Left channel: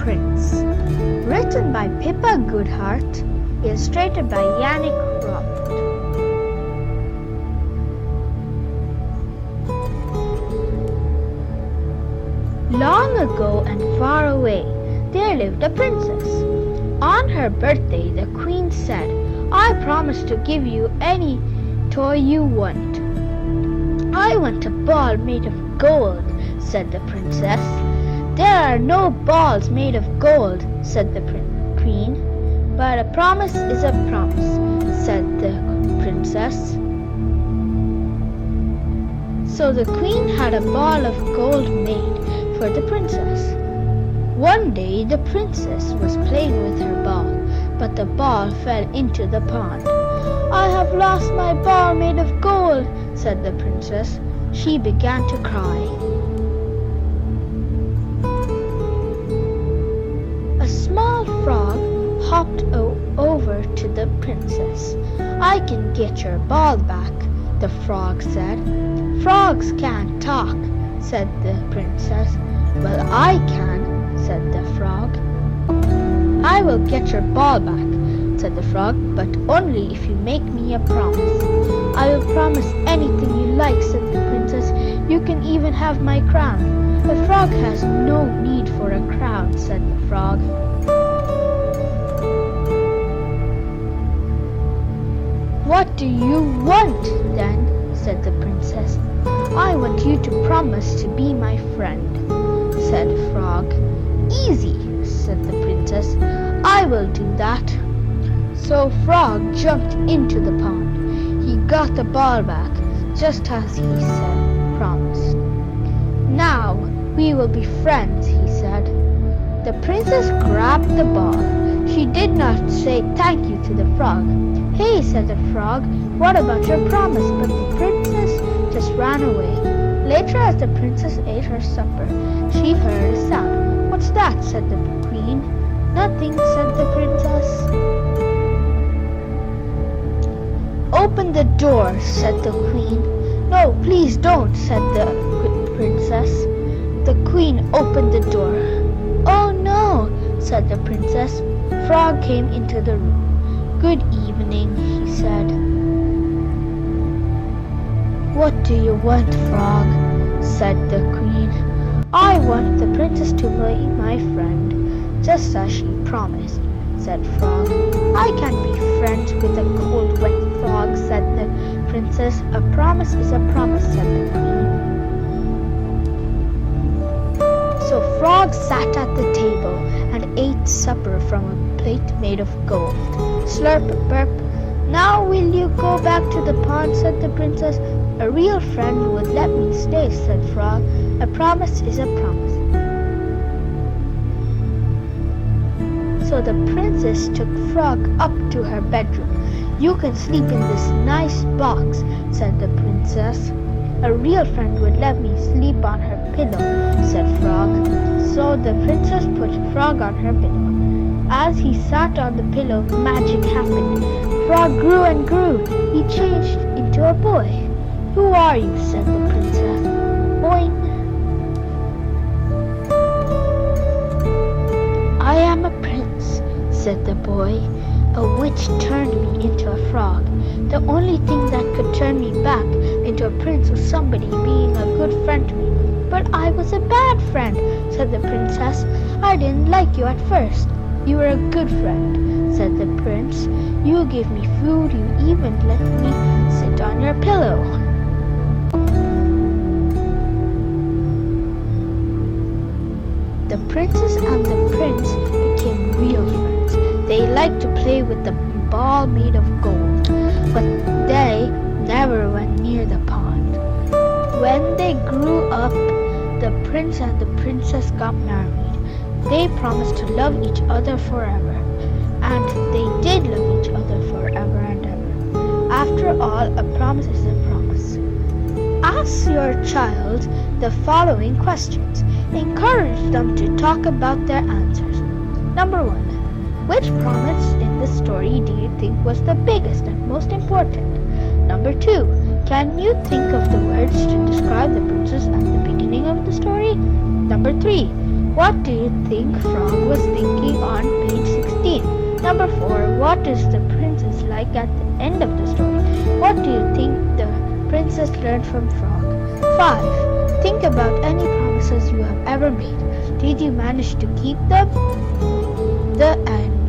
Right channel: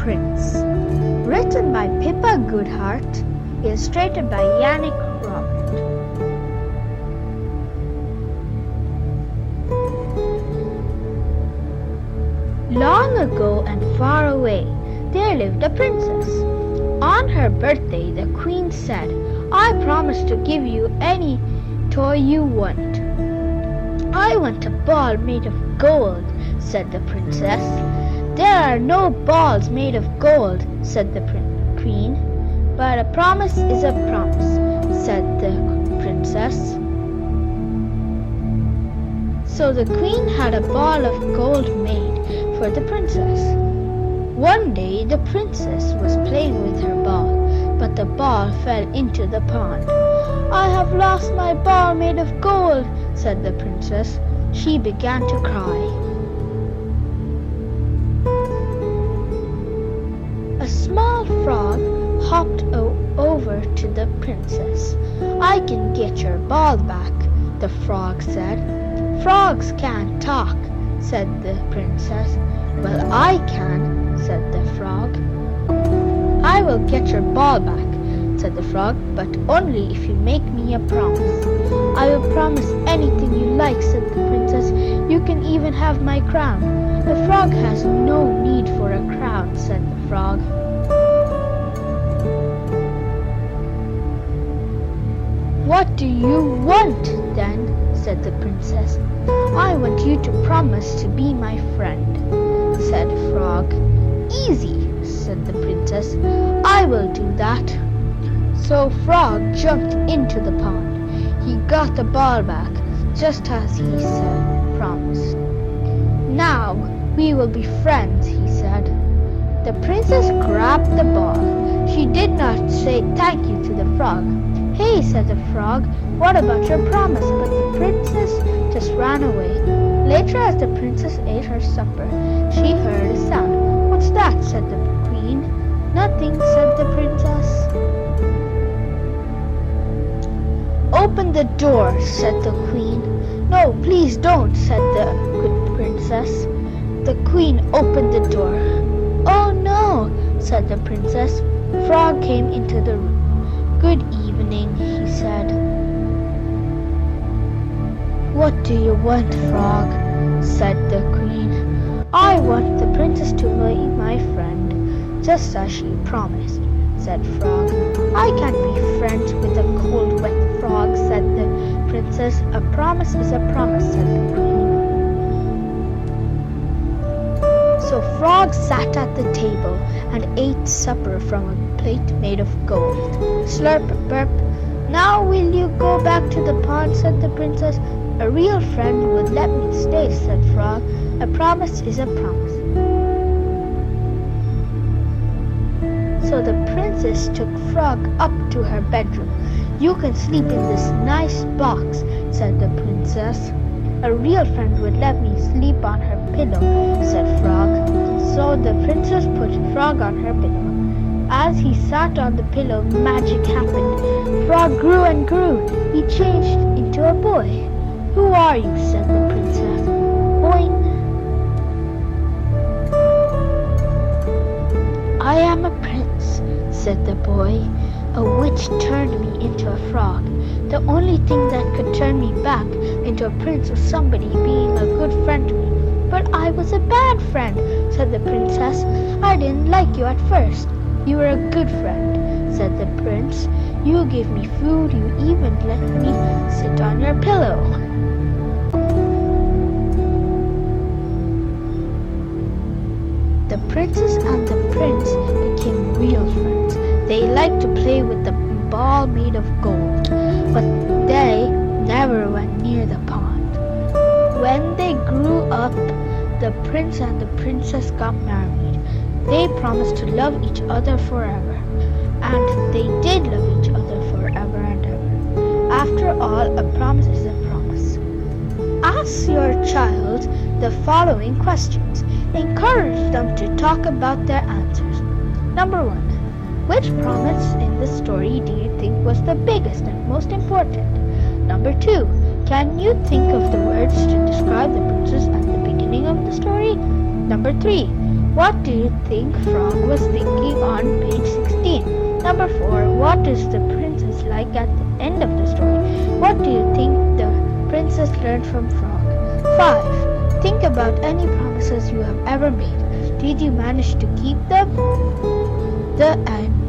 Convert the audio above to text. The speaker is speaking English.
Prince. Written by Pippa Goodhart. Illustrated by Yannick. Long ago and far away, there lived a princess. On her birthday, the queen said, "I promise to give you any toy you want." "I want a ball made of gold," said the princess. "There are no balls made of gold," said the queen. "But a promise is a promise," said the princess. So the queen had a ball of gold made for the princess. One day the princess was playing with her ball, but the ball fell into the pond. "I have lost my ball made of gold," said the princess. She began to cry. A small frog hopped over to the princess. "I can get your ball back," the frog said. "Frogs can't talk," said the princess. "Well, I can," said the frog. "I will get your ball back," said the frog, "but only if you make me a promise." "I will promise anything you like," said the princess. "You can even have my crown." "The frog has no need for a crown," said the frog. "What do you want, then?" said the princess. "I want you to promise to be my friend," said Frog. "Easy," said the princess. "I will do that." So Frog jumped into the pond. He got the ball back, just as he promised. "Now we will be friends," he said. The princess grabbed the ball. She did not say thank you to the frog. "Hey," said the frog, "what about your promise?" But the princess just ran away. Later, as the princess ate her supper, she heard a sound. "What's that?" said the queen. "Nothing," said the princess. "Open the door," said the queen. "No, please don't," said the princess. The queen opened the door. "Oh no," said the princess. Frog came into the room. "Good evening," he said. "What do you want, Frog?" said the queen. "I want the princess to be my friend, just as she promised," said Frog. "I can't be friends with a cold, wet frog," said the princess. "A promise is a promise," said the queen. So Frog sat at the table and ate supper from a plate made of gold. Slurp, burp. "Now will you go back to the pond?" said the princess. "A real friend would let me stay," said Frog. "A promise is a promise." So the princess took Frog up to her bedroom. "You can sleep in this nice box," said the princess. "A real friend would let me sleep on her pillow," said Frog. So the princess put Frog on her pillow. As he sat on the pillow, magic happened. Frog grew and grew. He changed into a boy. "Who are you?" said the princess. "Boing." "I am a prince," said the boy. "A witch turned me into a frog. The only thing that could turn me back into a prince was somebody being a good friend to me. But I was a bad friend," said the princess. "I didn't like you at first." "You were a good friend," said the prince. "You gave me food. You even let me sit on your pillow." The princess and the prince became real friends. They liked to play with the ball made of gold, but they never went near the pond. When they grew up, the prince and the princess got married. They promised to love each other forever, and they did love each other forever and ever. After all, a promise is a promise. Ask your child the following questions. Encourage them to talk about their answers. Number 1. Which promise in the story do you think was the biggest and most important? Number 2. Can you think of the words to describe the princess at the beginning of the story? Number 3. What do you think Frog was thinking on page 16? Number 4. What is the princess like at the end of the story? What do you think the princess learned from Frog? 5. Think about any promises you have ever made. Did you manage to keep them? The end.